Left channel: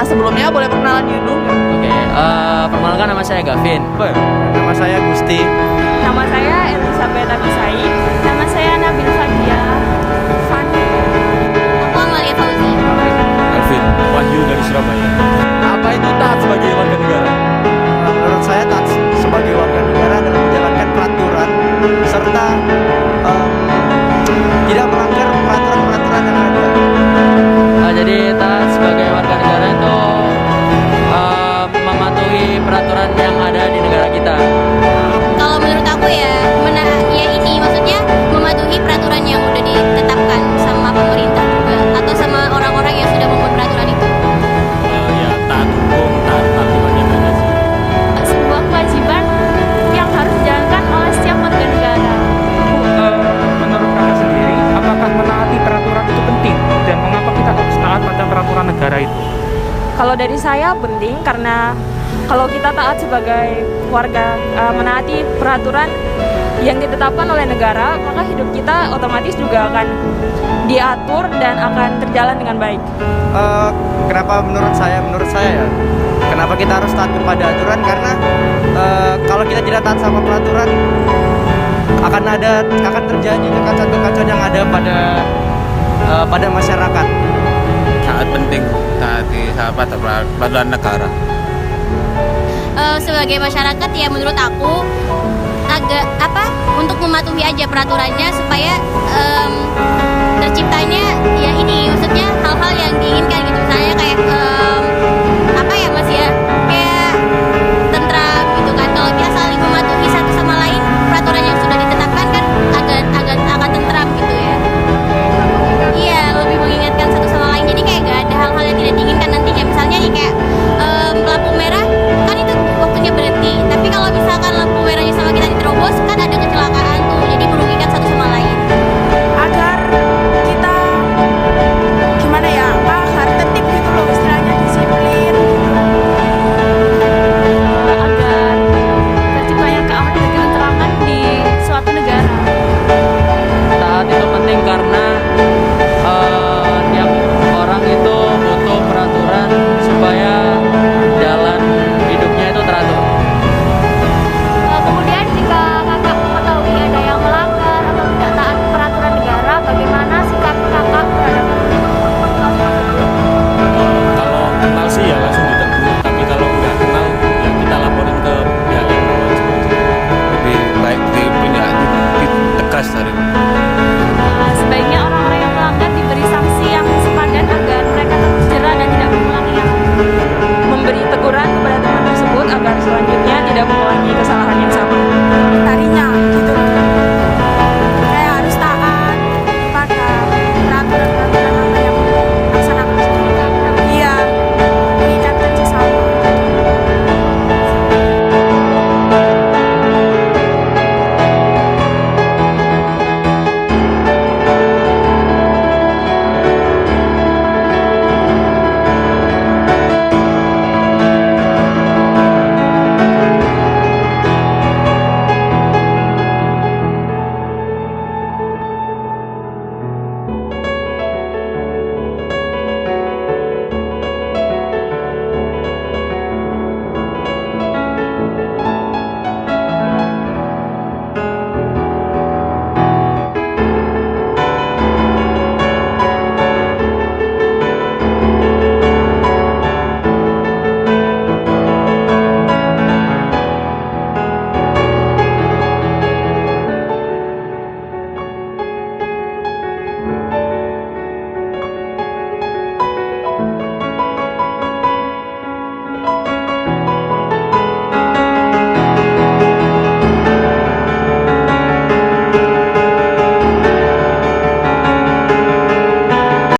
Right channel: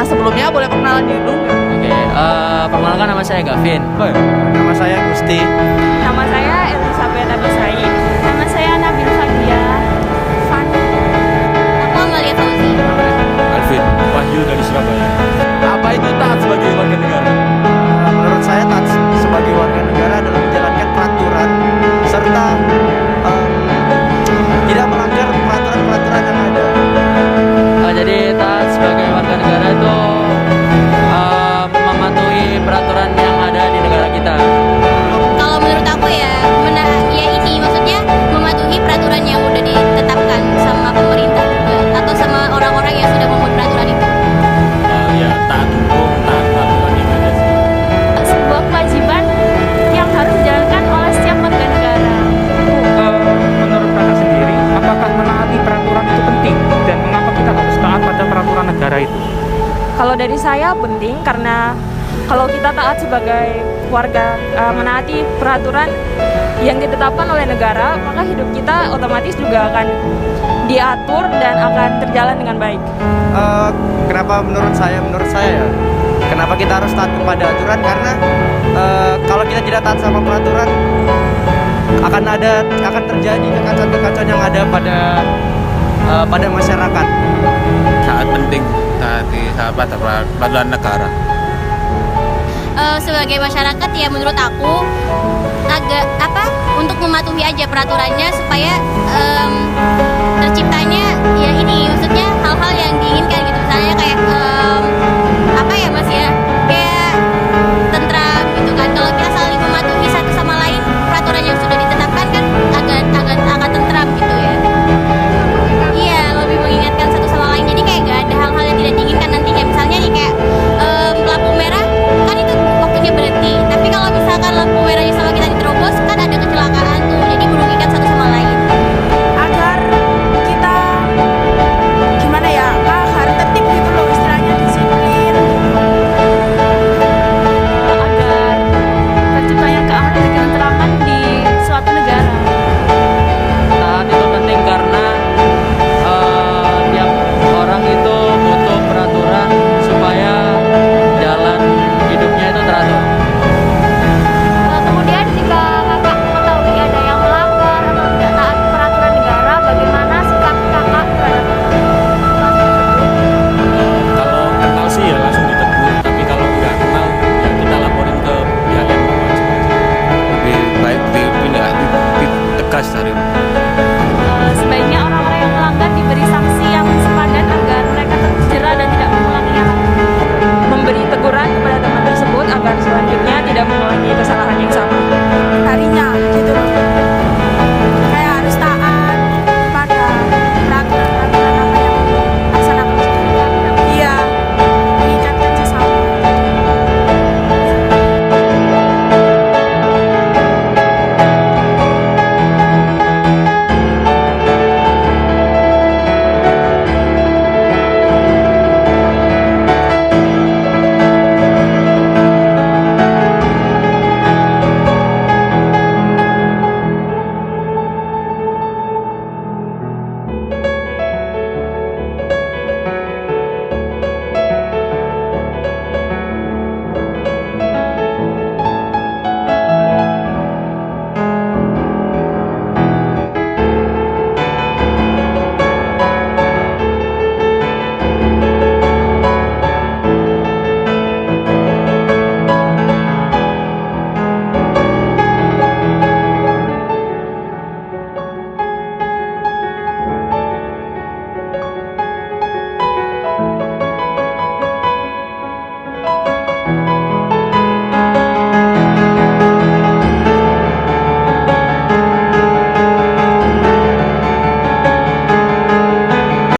Nah, sebelumnya boleh perkenalan diri dulu nggak? Oke, perkenalkan nama saya Gavin. Nama saya Gusti. Nama saya Elizabeth Abisai. Nama saya Nabil Fadia. Fani. Aku Amalia Fauzi. Alvin Wahyu dari Surabaya. Apa itu taat sebagai warga negara? Menurut saya taat sebagai warga negara adalah menjalankan peraturan serta tidak melanggar peraturan-peraturan yang ada. Jadi taat sebagai warga negara itu mematuhi peraturan yang ada di negara kita. Kalau menurut aku ya ini maksudnya mematuhi peraturan yang udah ditetapkan sama pemerintah juga atau sama orang-orang yang sudah membuat peraturan itu. Ya taat hukum, taat peraturan yang ada sih. Sebuah kewajiban yang harus dijalankan oleh setiap warga negara. Menurut kakak sendiri, apakah menaati peraturan itu penting? Dan mengapa kita harus taat pada peraturan negara itu? Kalau dari saya penting karena kalau kita taat sebagai warga menaati peraturan yang ditetapkan oleh negara, maka hidup kita otomatis juga akan diatur dan akan terjalan dengan baik. Kenapa menurut saya ya, kenapa kita harus taat kepada aturan? Karena kalau kita tidak taat sama peraturan, akan terjadi kekacauan-kekacauan yang ada pada masyarakat. Sangat penting taati peraturan negara. Sebagai masyarakat ya menurut aku agak untuk mematuhi aja peraturannya supaya terciptanya ya ini maksudnya hal-hal yang diinginkan gitu, misalnya kayak Mas ya kayak tentram gitu kan. Kalau kita saling mematuhi satu sama lain peraturan yang sudah ditetapkan kan akan tentram gitu ya. Iya, lebih mengingatkan satu sama lain, jadi kayak gak ada hal-hal yang tidak diinginkan nantinya. Misalnya nih kayak lampu merah kan itu waktunya berhenti, tapi kalau misalkan lampu merahnya sama kita diterobos kan ada kecelakaan tuh, jadi merugikan satu sama lain. Agar kita gimana ya, agar tertib gitu loh, istilahnya disiplin gitu. Agar terciptanya keamanan dan ketenteraman di suatu negara. Taat itu penting karena tiap orang itu butuh peraturan supaya jalan hidupnya itu teratur. Kemudian jika kakak mengetahui ada yang melanggar atau tidak taat peraturan negara, bagaimana sikap kakak terhadap hal tersebut? Kalau kenal sih ya langsung ditegur, tapi kalau nggak kenal ya kita laporin ke pihak yang berwajib aja. Lebih baik ditegas dari